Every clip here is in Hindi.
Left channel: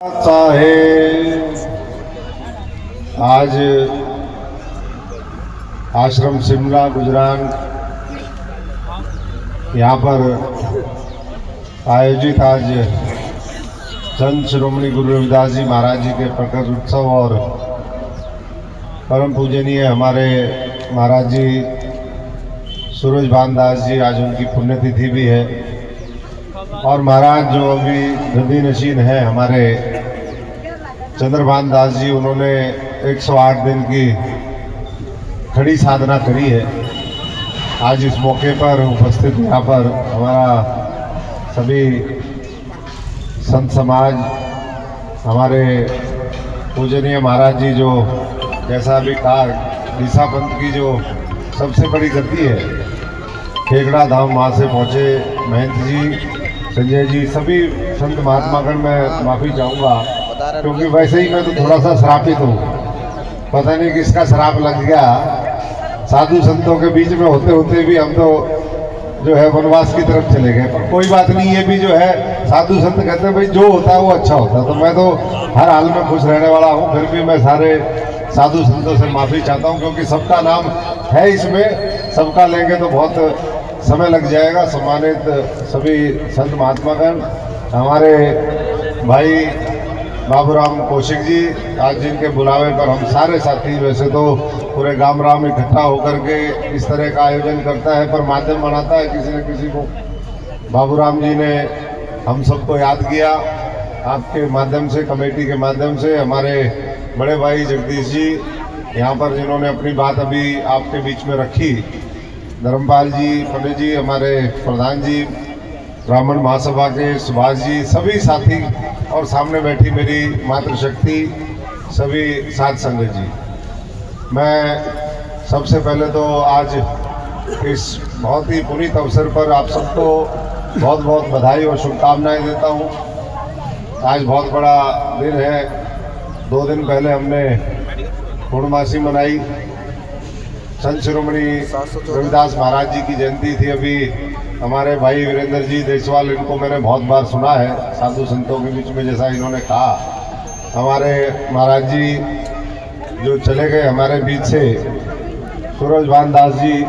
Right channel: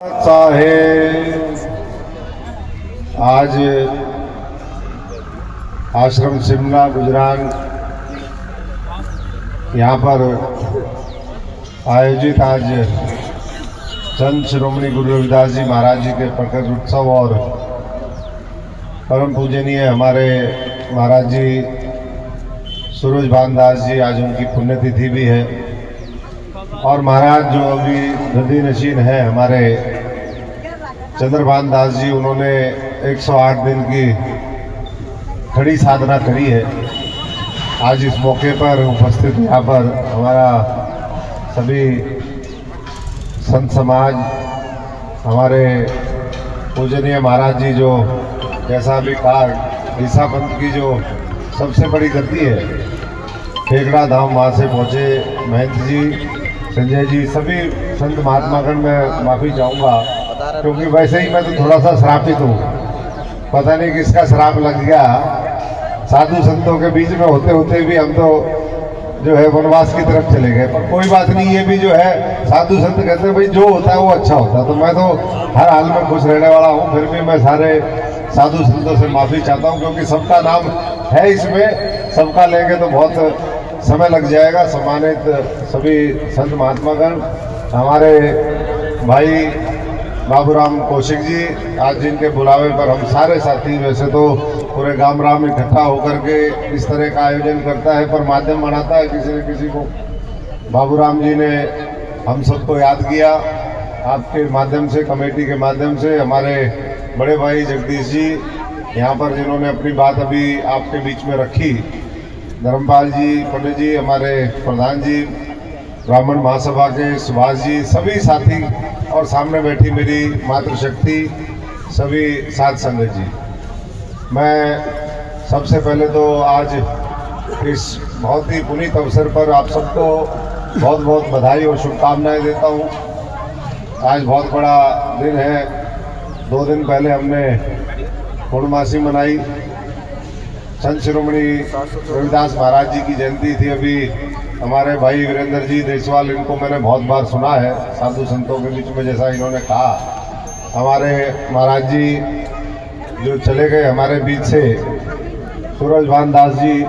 आज आश्रम शिमला गुजरान यहाँ पर आयोजित आज संत शिरोमणि गुरु रविदास जी महाराज जी के प्रकट उत्सव और परम पूजनीय हमारे महाराज जी सूरजभान दास जी, आज उनकी पुण्यतिथि भी है। और महाराज जो अभी गद्दी नशीन है हमारे चंद्रभान दास जी, उन्होंने 108 दिन की खड़ी साधना करी है। आज इस मौके पर उपस्थित यहाँ पर हमारा सभी संत समाज, हमारे पूजनीय महाराज जी, जो जैसा अभी कहा ईसा पंथ की जो सबसे बड़ी गद्दी है, खेगड़ा धाम, वहाँ से पहुँचे महंत जी, संजय जी, सभी संत महात्मागण में माफ़ी चाहूँगा, क्योंकि वैसे ही मैं तो थोड़ा सा श्रापित हूँ। पता नहीं किसका श्राप लग गया। साधु संतों के बीच में होते होते भी हम तो जो है वनवास की तरफ चले गए। पर कोई बात नहीं, ये भी जो है साधु संत कहते हैं भाई जो होता है वो अच्छा होता है। तो मैं तो हर हाल में खुश रहने वाला हूँ। फिर भी मैं सारे साधु संतों से माफ़ी चाहता हूँ, क्योंकि सबका नाम है इसमें, सबका लेंगे तो बहुत समय लग जाएगा। सम्मानित सभी संत महात्मागण, हमारे भाई बाबूराम कौशिक जी, आज जिनके बुलावे पर हम सारे साथी, वैसे तो पूरे गांव राम इकट्ठा होकर के इस तरह का आयोजन करता है, पर माध्यम बनाता है किसी न किसी को। बाबूराम जी ने हम सबको याद किया आपके माध्यम से, कमेटी के माध्यम से। हमारे बड़े भाई जगदीश जी यहाँ पर, जिन्होंने अपनी बात अभी आपके बीच में रखी, धर्मपाल जी, पंडित जी, हमारे प्रधान जी, ब्राह्मण महासभा के सुभाष जी, सभी साथी, और सामने बैठी मेरी मातृशक्ति, सभी साध संगत जी। मैं सबसे पहले तो आज इस बहुत ही पुनीत अवसर पर आप सबको बहुत बहुत बधाई और शुभकामनाएं देता हूं। आज बहुत बड़ा दिन है। 2 दिन पहले हमने पूर्णमासी मनाई। संत शिरोमणि रविदास महाराज जी की जयंती थी। अभी हमारे भाई वीरेंद्र जी देशवाल, इनको मैंने बहुत बार सुना है साधु संतों के बीच में, जैसा इन्होंने कहा। हमारे महाराज जी जो चले गए हमारे बीच से, सूरजभान दास जी,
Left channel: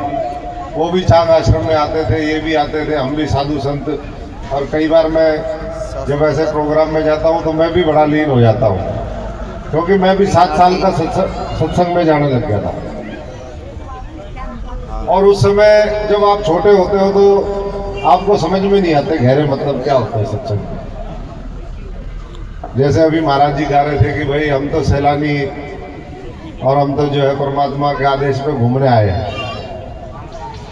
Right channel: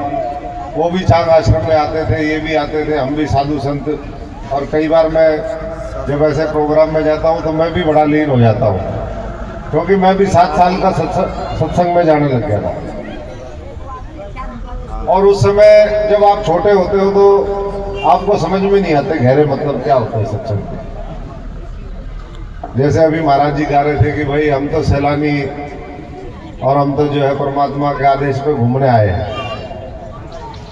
वो भी चांग आश्रम में आते थे, ये भी आते थे, हम भी साधु संत। और कई बार मैं जब ऐसे प्रोग्राम में जाता हूँ तो मैं भी बड़ा लीन हो जाता हूँ, क्योंकि मैं भी 7 साल का सत्संग में जाने लग गया था। और उस समय जब आप छोटे होते हो तो आपको समझ में नहीं आते गहरे मतलब क्या होता है सत्संग। जैसे अभी महाराज जी कह रहे थे कि भाई हम तो सैलानी, और हम तो जो है परमात्मा के आदेश पे घूमने आए हैं।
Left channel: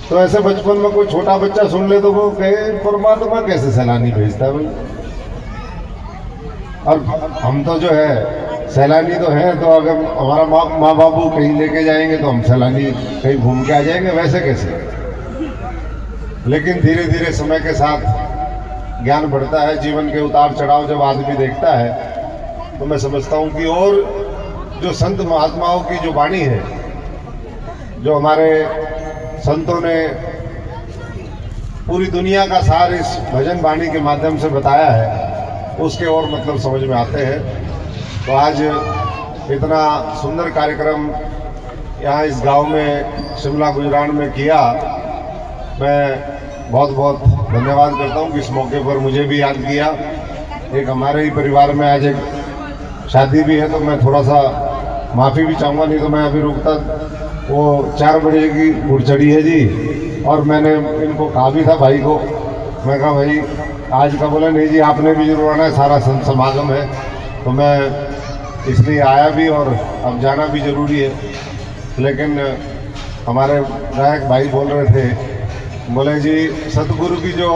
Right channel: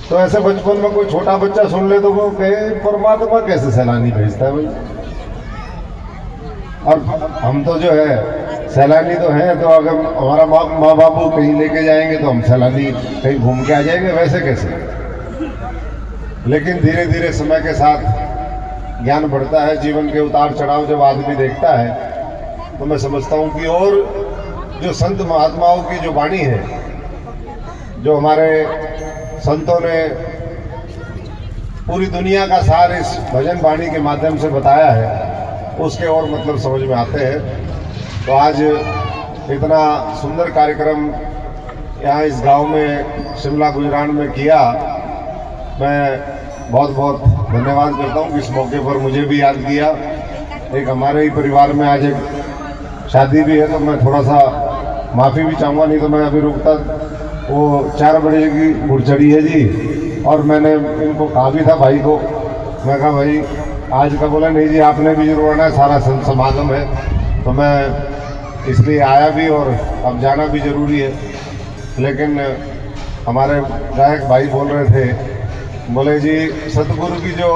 तो ऐसे बचपन में कोई छोटा बच्चा सुन ले तो वो कहे परमात्मा कैसे सैलानी भेजता है भाई। और हम तो जो है सैलानी तो हैं, तो अगर हमारा माँ बाबू कहीं लेके जाएंगे तो हम सैलानी कहीं घूम के आ जाएंगे, वैसे कैसे। लेकिन धीरे धीरे समय के साथ ज्ञान बढ़ता है, जीवन के उतार चढ़ाव जब आदमी देखता है, तो मैं समझता हूँ कि और जो संत महात्माओं की जो वाणी है, जो हमारे संतों ने पूरी दुनिया का सार इस भजन वाणी के माध्यम से बताया है, उसके और मतलब समझ में आते हैं। तो आज इतना सुंदर कार्यक्रम यहाँ इस गांव में शिमला गुजरान में किया, मैं बहुत बहुत धन्यवाद करता हूँ कि इस मौके पर मुझे भी याद किया। एक हमारे ही परिवार में आज एक शादी भी है, तो मैं थोड़ा सा माफ़ी भी चाहूँगा, नहीं तो मैं अभी रुकता। वो 4 बजे की घुड़चड़ी है जी, और मैंने इनको कहा भी था भाई को, मैं कहा भाई आज का, बोला नहीं जी आपने भी जरूर आना है, सारा संत समागम है। तो मैं इसलिए आया भी, और अब जाना भी जरूरी है। लेकिन हमारे गायक भाई बोल रहे थे, बोले जी सतगुरु की जो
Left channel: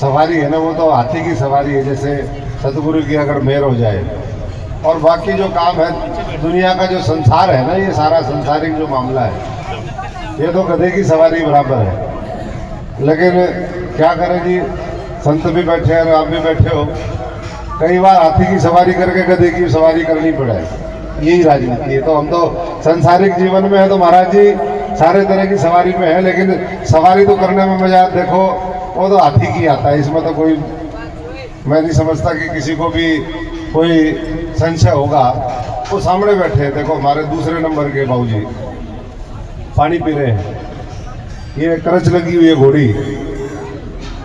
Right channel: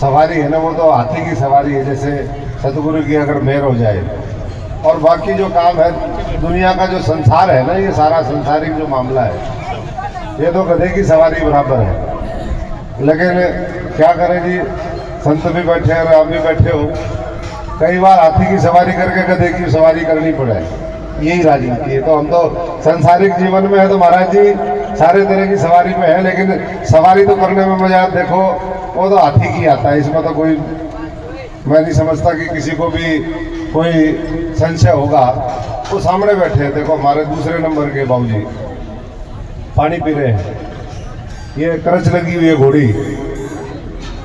सवारी है ना, वो तो हाथी की सवारी है, जैसे सतगुरु की अगर मेहर हो जाए। और बाकी जो काम है दुनिया का, जो संसार है ना, ये सारा संसारिक जो मामला है, ये तो गधे की सवारी बराबर है। लेकिन क्या करें जी, संत भी बैठे हैं और आप भी बैठे हो, कई बार हाथी की सवारी करके गधे की सवारी करनी पड़े, यही राजनीति है। तो हम तो संसारिक जीवन में है, तो महाराज जी सारे तरह की सवारी में है, लेकिन सवारी तो करने में मजा, देखो वो तो हाथी की आता है। इसमें तो कोई, मैं नहीं समझता कि किसी को भी कोई संशय होगा, वो सामने बैठे हैं। देखो हमारे दूसरे नंबर के बाबूजी पानी पी रहे हैं, ये करच लगी हुई है घोड़ी,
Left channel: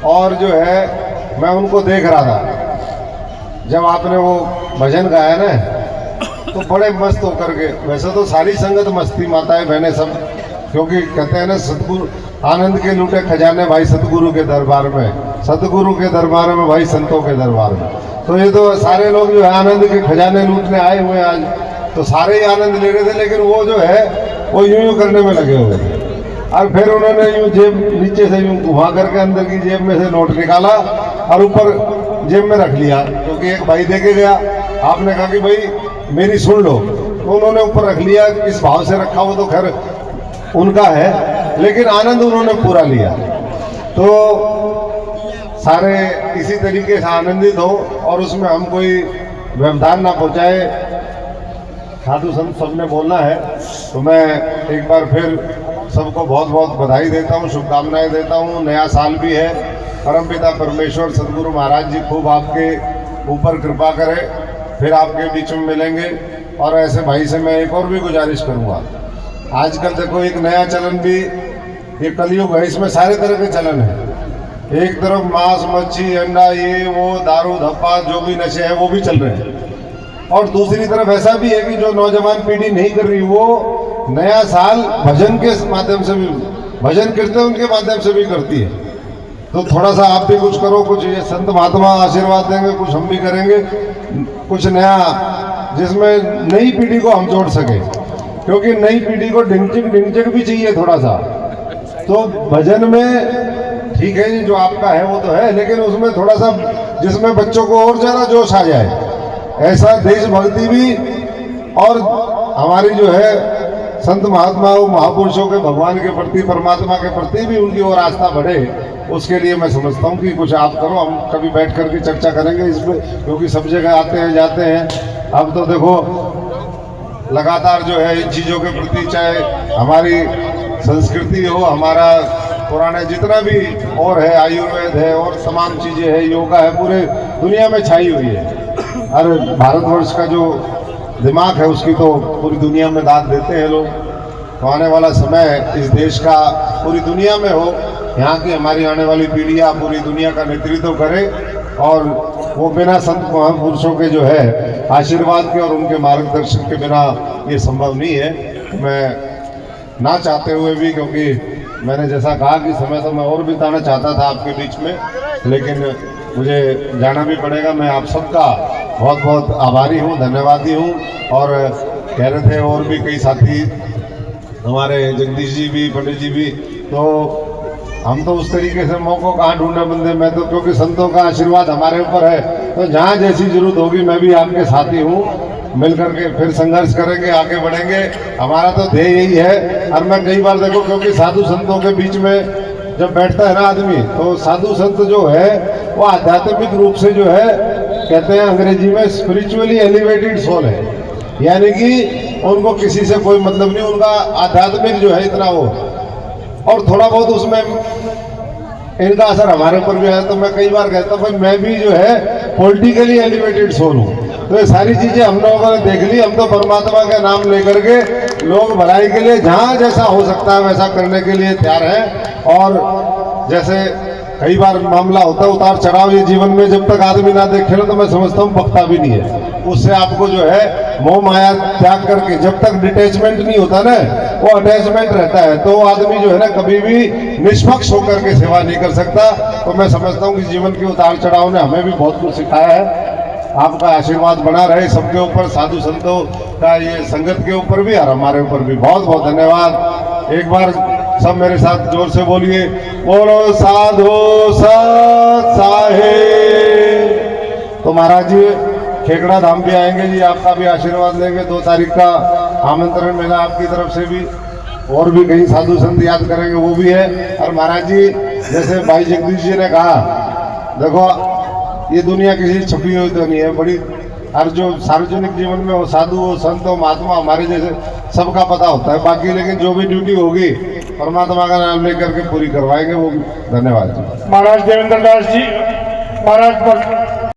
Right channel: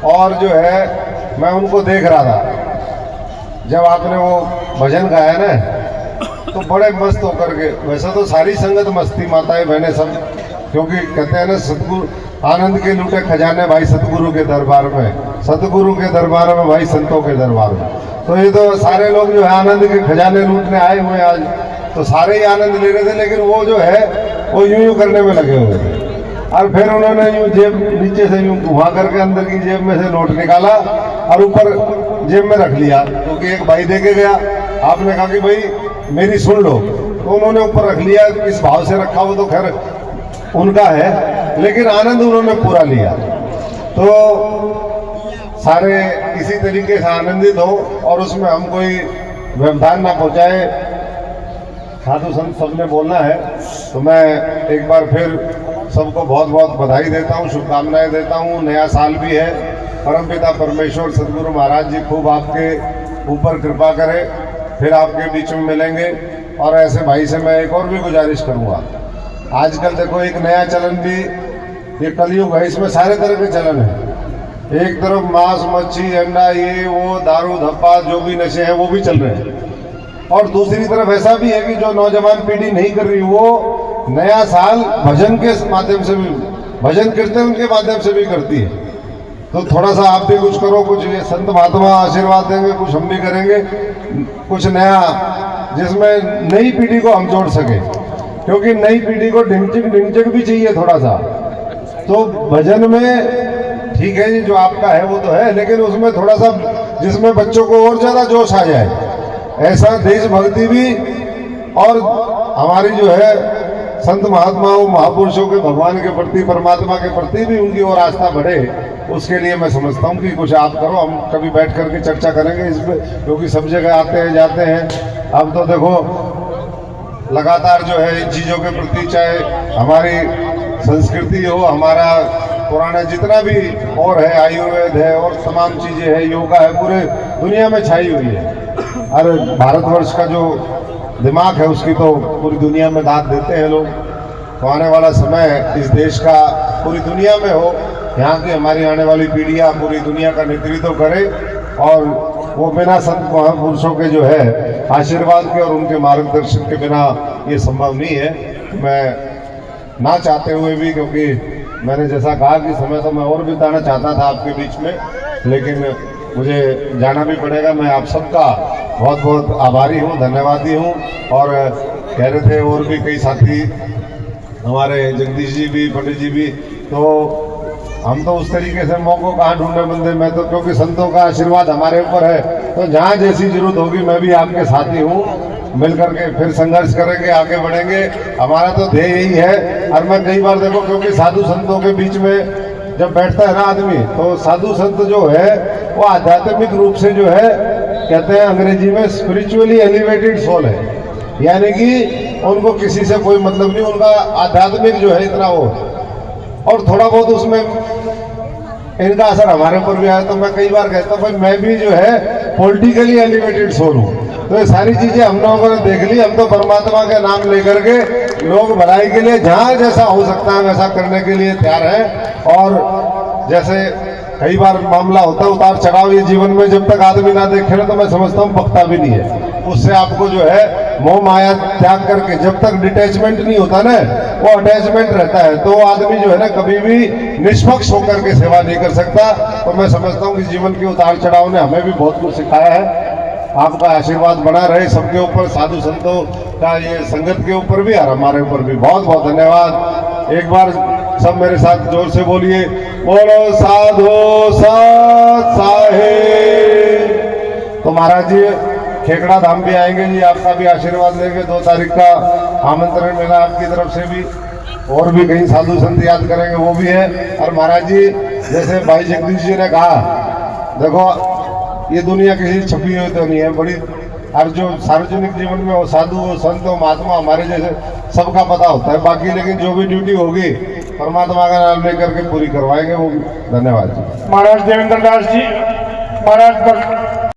और जो है मैं उनको देख रहा था जब आपने वो भजन गाया ना, तो बड़े मस्त होकर के, वैसे तो सारी संगत मस्ती, माताएं बहनें सब, क्योंकि कहते हैं ना सतगुरु आनंद के लूटे खजाने भाई सतगुरु के दरबार में, सतगुरु के दरबार में भाई संतों के दरबार में। तो ये तो सारे लोग जो है आनंद के खजाने लूटने आए हुए आज, तो सारे ही आनंद ले रहे थे, लेकिन वो जो है वो यूं करने में लगे हुए थे। और फिर उन्होंने यूं जेब नीचे से यूं घुमा करके अंदर की जेब में से नोट निकाला और ऊपर जेब में रख लिया, क्योंकि एक भाई दे के गया। आपने कहा कि भाई मेरी सुन लो, तो उन्होंने ऊपर रख लिया। किस भाव से रखा वो तो खैर उनका है, लेकिन आनंद उन्होंने पूरा लिया। तो सारे इसी तरीके से आनंदित हो और उसमें हम कोई व्यवधान ना पहुंचाए। साधु संत सबने बोलना है, तो मैं एक बार फिर सबको बहुत बहुत बधाई देता हूँ, शुभकामनाएं देता हूँ। नया साल भी है, परमपिता परमेश्वर सदगुरु महाराज जी खूब आपके ऊपर कृपा करे, फिर आपके बीच में मिलेंगे। और ऐसे भाई से मैं एक और भी गुजारिश करूँगा, आजकल देखो एक नया चलन भी, ये कलयुग है, इसमें सारे तरह के चलन है। एक तरफ मांस मच्छी अंडा ये वो दारू धप्पा जो भी नशे हैं वो भी चल रहे हैं, और दूसरी तरफ ऐसा भी है कि जो नौजवान पीढ़ी नहीं कर रही, वो नया साल भजन के माध्यम से भी, भजन कीर्तन उनके माध्यम से भी करती है। तो थोड़ा सा आप भी कुछ करो, कुछ ये संत महात्मा आशीर्वाद देंगे, कुछ हम भी करेंगे, कुछ नया जिसमें नई पीढ़ी को हम जोड़ सके, क्योंकि नई पीढ़ी को ढिंचक भी चाहिए थोड़ा सा। तो भजन में ठीक है, ये जो आपका है वो तो है, लेकिन उसमें थोड़ा सा जिसमें बच्चों को और ज्यादा जोश आ जाए, ऐसा देशभक्ति भी, और हमारी जो है संत महात्माओं महापुरुषों के भगवान के प्रति, परमात्मा के प्रति भी उनकी और आस्था बढ़े, उसके लिए मैं समझता हूँ कि कुछ आप करो। हम कभी बैठ करके चर्चा करेंगे इसमें, क्योंकि सब जगह आते हैं जाते हैं। अब तो देखो लगातार जो है इन चीज़ों के प्रति, चाहे हमारी संस्कृति हो, हमारा पुराने जितना भी और है, आयुर्वेद है और तमाम चीज़ें हैं, योगा है, पूरे दुनिया में छाई हुई है। और भारतवर्ष का जो दिमाग है उसकी तो पूरी दुनिया में दाद देते हैं लोग। तो आने वाला समय इस देश का पूरी दुनिया में हो, यहाँ की हमारी आने वाली पीढ़ियाँ पूरी दुनिया का नेतृत्व करे, और वो बिना संत महापुरुषों के जो है आशीर्वाद के और उनके मार्गदर्शन के बिना ये संभव नहीं है। मैं ना चाहते हुए भी, क्योंकि मैंने जैसा कहा कि समय तो मैं और बिताना चाहता था आपके बीच में, लेकिन मुझे जाना भी पड़ेगा। मैं आप सबका बहुत बहुत आभारी हूँ, धन्यवादी हूँ। और कह रहे थे और भी कई साथी हमारे, जगदीश जी भी, पंडित जी भी, तो हम तो उस तरीके से मौकों कहाँ ढूंढे बंदे। मैं तो, क्योंकि संतों का आशीर्वाद हमारे ऊपर है, तो जहाँ जैसी जरूरत होगी मैं भी आपके साथी हूँ, मिलकर के फिर संघर्ष करेंगे, आगे बढ़ेंगे। हमारा तो ध्येय यही है। और मैं कई बार देखो, क्योंकि साधु संतों के बीच में जब बैठता है ना आदमी, तो साधु संत जो है वो आध्यात्मिक रूप से जो है, कहते हैं अंग्रेजी में स्पिरिचुअली एलिवेटेड सोल है, यानी कि उनको किसी से कोई मतलब नहीं, उनका आध्यात्मिक जो है इतना वो, और थोड़ा बहुत उसमें इनका असर हमारे ऊपर भी आया। तो मैं कई बार कहता हूँ भाई मैं भी जो है पॉलिटिकली एलिवेटेड सोल हूँ। तो ये सारी चीजें हम लोगों ने देख ली। हम तो परमात्मा का नाम लेकर के लोग भलाई के लिए जहाँ जैसा हो सकता है वैसा करने के लिए तैयार है। और जैसे कई बार मामला होता है उतार चढ़ाव ये जीवन में, जब तक आदमी ना देखे ना, तो मैं समझता हूँ बकता भी नहीं है। उससे आपको जो है मोह माया त्याग करके, जब तक डिटैचमेंट नहीं होता ना, वो अटैचमेंट रहता है, तो वो आदमी जो है ना कभी भी निष्पक्ष होकर के सेवा नहीं कर सकता। तो मैं समझता हूँ कि जीवन के उतार चढ़ाव ने हमें भी बहुत कुछ सिखाया है। आपका आशीर्वाद बना रहे सबके ऊपर, साधु संतों का ये संगत के ऊपर भी और हमारे ऊपर भी। बहुत बहुत धन्यवाद। एक बार सब मेरे साथ जोर से बोलिए, बोलो साधु सत साहिब। तो महाराज जी खेकड़ा धाम भी आएंगे जी, आपका भी आशीर्वाद लेंगे। 2 तारीख का आमंत्रण मिला आपकी तरफ से भी, और भी कई साधु संत याद करेंगे वो भी है। और महाराज जी जैसे भाई जगदीश जी ने कहा, देखो ये दुनिया किसी छपी हुई तो नहीं है बड़ी, और जो सार्वजनिक जीवन में वो साधु वो संत वो महात्मा हमारे जैसे सबका पता होता है। बाकी लेकिन जो भी ड्यूटी होगी परमात्मा का नाम लेकर के पूरी करवाएंगे वो भी। धन्यवाद जी। महाराज देवेंद्र दास जी महाराज